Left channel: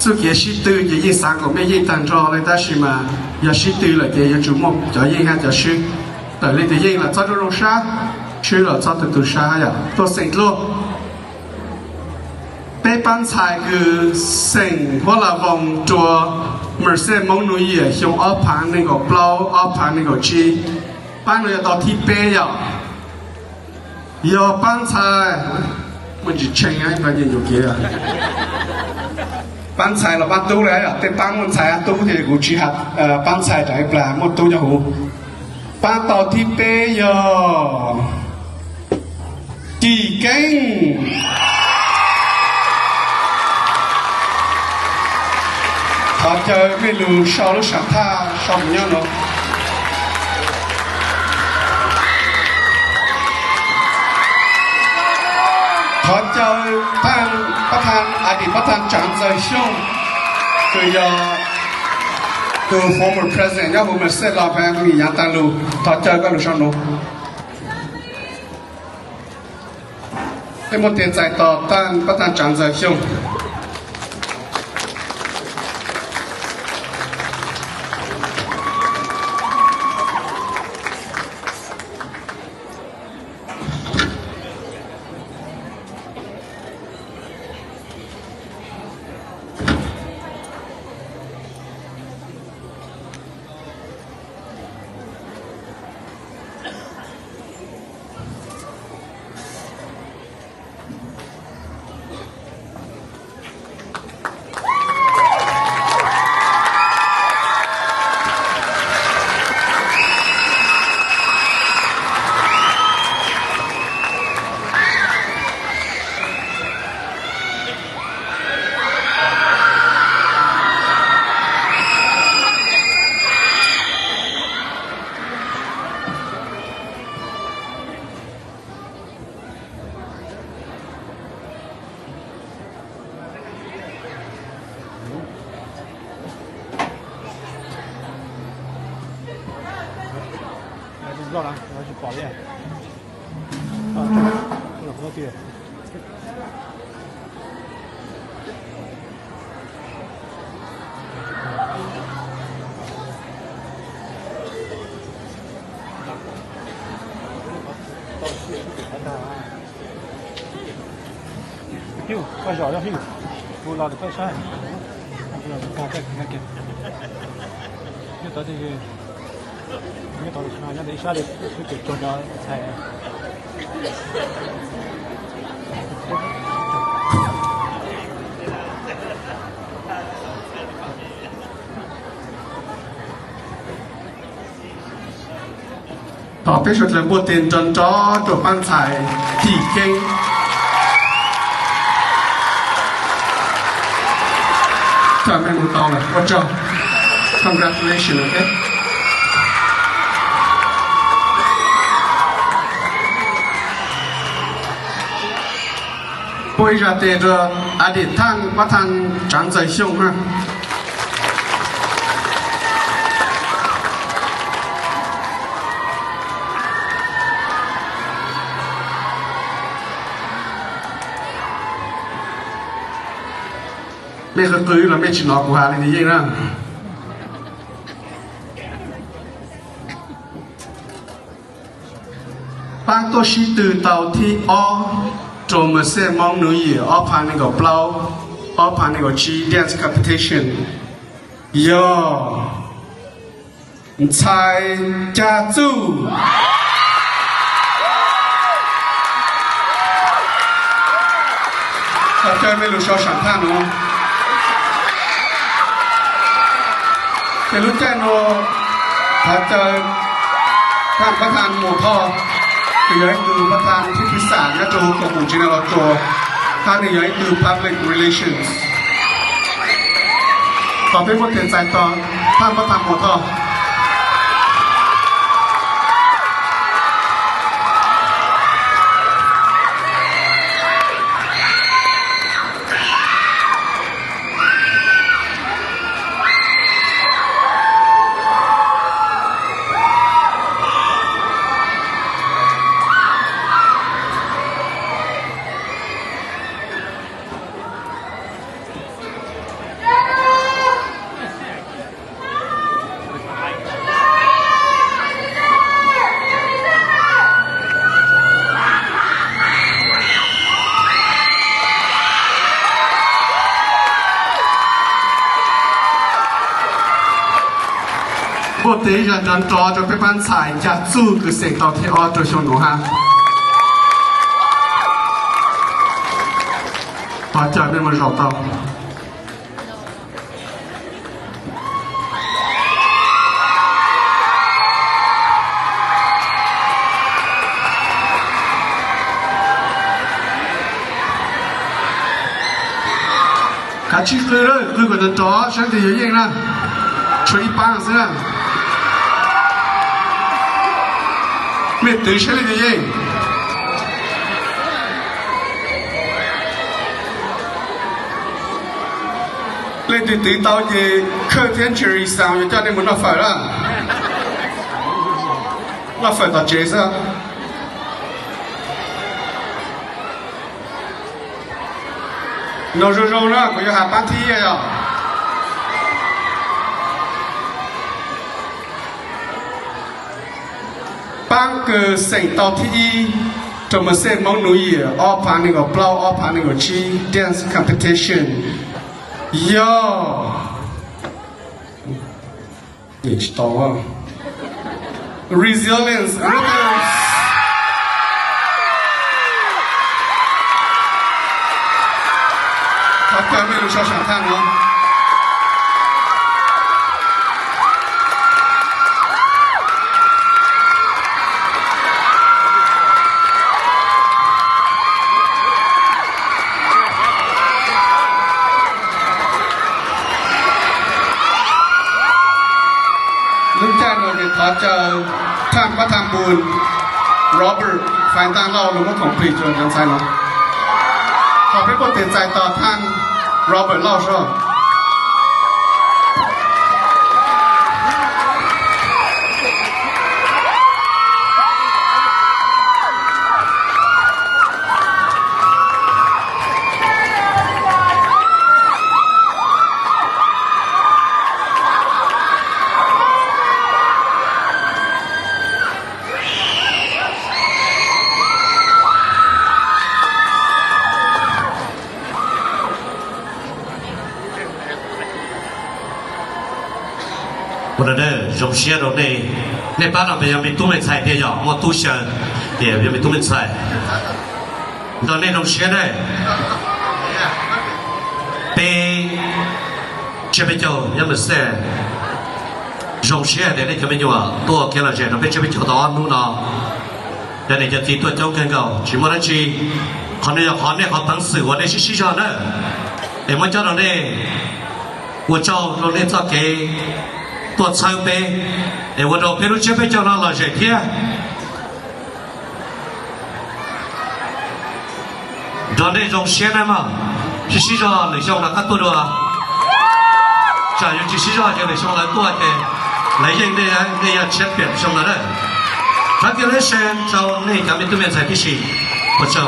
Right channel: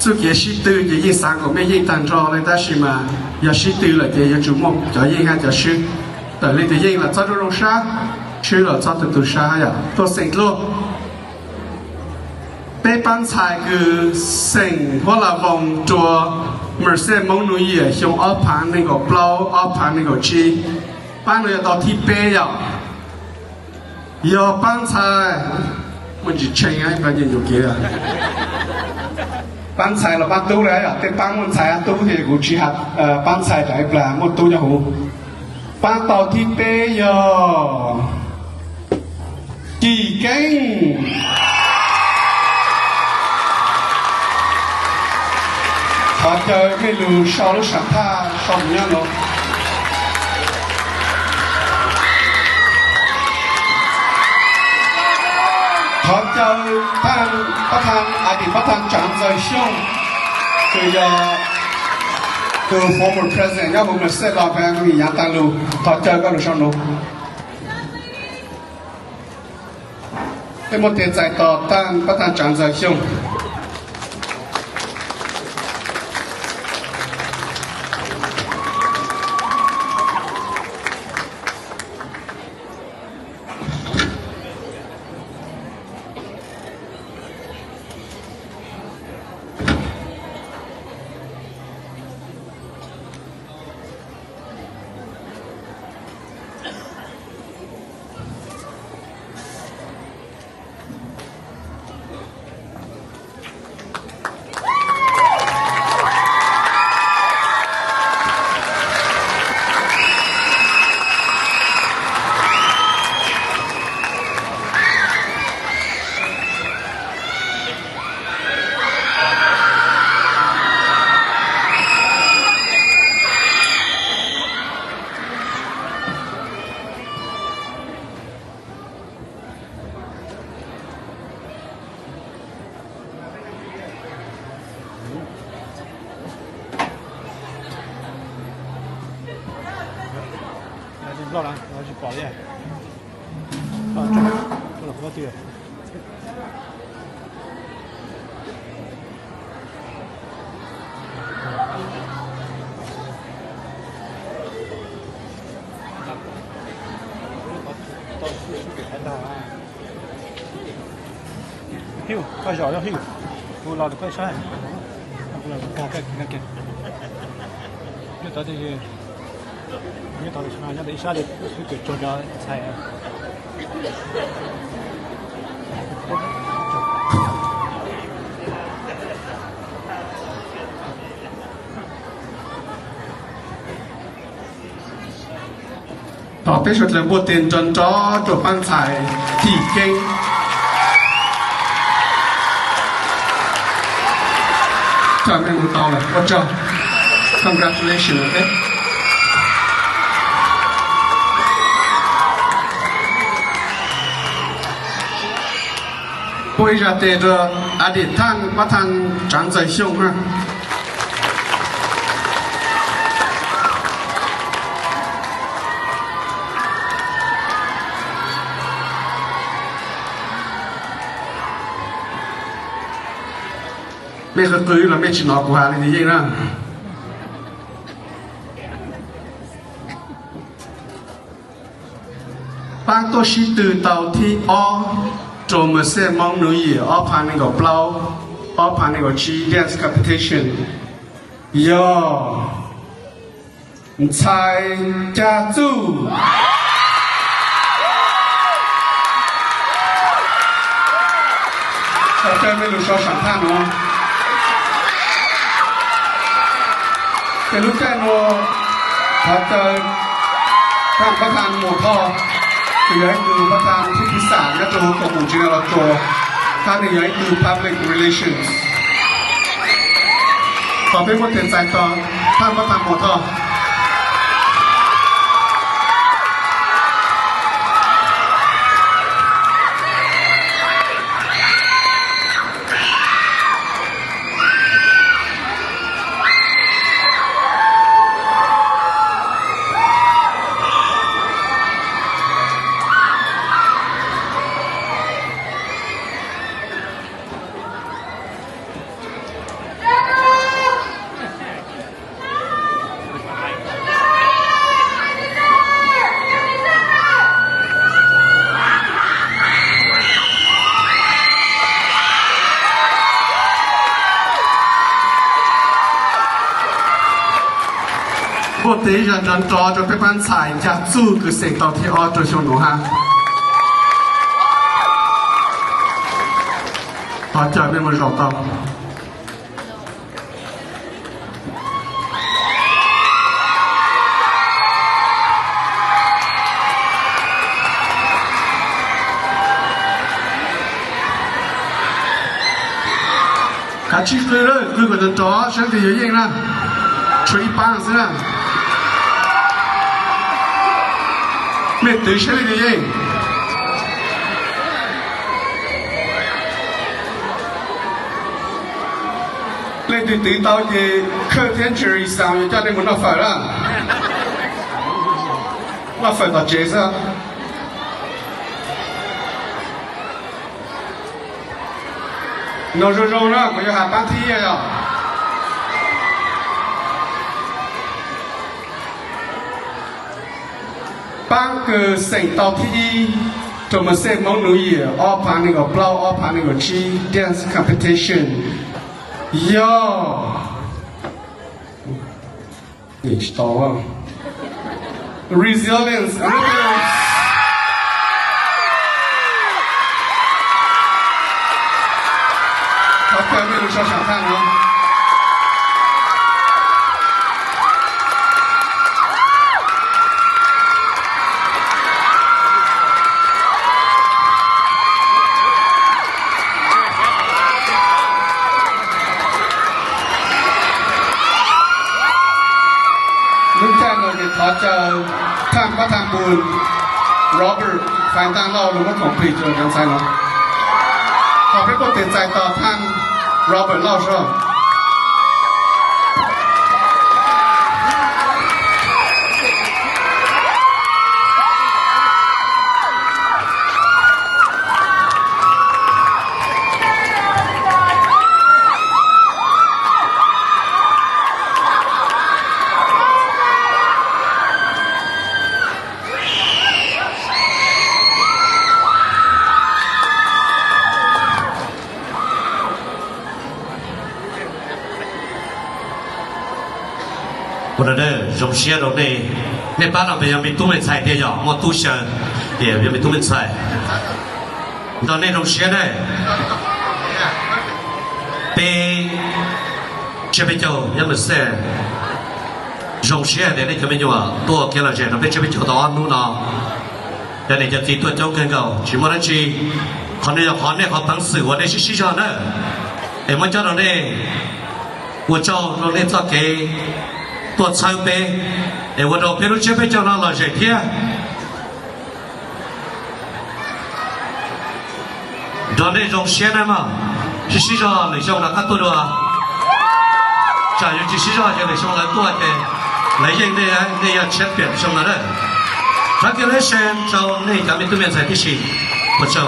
做嘢是對嘅嘢三個咩嘢當咗咧，但是嘛，也是對了嘅嘢做麼？就應該就是但你哋應了早就落沙，去了早就都沙呀，都成咯。被幫菜個成或者往做某些某類嘢，像二盤那個包，二盤那個雞，搬了要到ที่背呀，要幫菜，我就請啊，反正有嘅啊。bán菜là bánตู้đấy à, tên bán một菜ตู้thì cũng chỉ hạt bán菜tại là mộtตู้nhau bán tàu thì bây giờ tỷ kênh họ chờ menu sáu sản tha xong nhá nó họ chờประธานอดีตประธานจังใจช่วงคือ former president 要我们设老板们一样当路他这个路上路เป็นหมดใจต่อต้านประธานจังใจช่วง绕了，我要去保练。我去。嘿，快小了嘿，我老的高山，我老的看，又到这里。你搞的啥？那等一下的就做到菜。ต่อไปสุดเลยบทเรียนจนจ้อจบปั้นถ่ายที่เก่งถ้าไม่รู้ต่อเลยว่าเจ้า congratulations okay bây giờ để cho à để thằng bắt thằng trắng dậy xong ha mẹ cứ cưới là mẹ chỉ nói của hà này vậy đó bác tôi chỉ từ tàu thi o cho mà sẽ mong nữa gì ở phần này có plow ở phần này có chi dance competition yo菜家族เขาจะไม่รู้ชอบสัมภาษณ์เนาะแต่รู้แค่โนเขาจะท่านประธานหมู่พ่อคือให้ดูประธานผู้พิสารและตัวของผมจริงๆว่าตัวท่านหนึ่งให้ดู public relations ต่อไปบทเรียนใจต่อท่านประธานหมู่พ่อ不得人人抓着被班菜加煮个食到天澳洲上路哈。大家别么绕道。卡起来了，如果能抓，身体有硬了，吹一半是吧？没对身体有硬。lên từ tí tao thì khơi thiên trừ sang cho nên nó phải là chế sao nó rồi là bây giờ hàng bán thi à bán cái sinh tàu thi cho mà xem mong núi ở phản ứng ở blau ở phản ứng ở chi dance competition Yo, it's tower. Resilience, resilience. Các bạn biết sao sẵn sàng không? Lúc cha người thì thọ chờ tham có tham buồn Robert phải tăng lâu lúc có complete rồi đang sai nó có phải có tiền giải tỏ tham Robert lâu rồi我的荣幸了呢，那班上边没东门菜的呀，我都想也没东门菜，到那种些呢，被这边叫要么是荣幸的那这边就啊，多给了钱，那边这边就到安路呢，但你就提多交更高，起码那去，可能要考那考本事，我那是市场的，哎，我叫到那，我叫到那咋给。ตัวช่างเป้วันเราเพลุเชื่อไปเจ้าหน้าเราเฉยเที่ยตอนนี้จงเชื่อนะมั้งที่สิ่งที่เราช่างนักตัวด้วยจะอยู่ที่สิ่งที่เราช่างนักตัวเองในยังเนี่ยเชื่อเปลี่ยนช่างนักเลยถ้าเกิดเช่นเจ้าเนี่ยจะไม่ต้องมีใจที่สิ่งพระเจ้า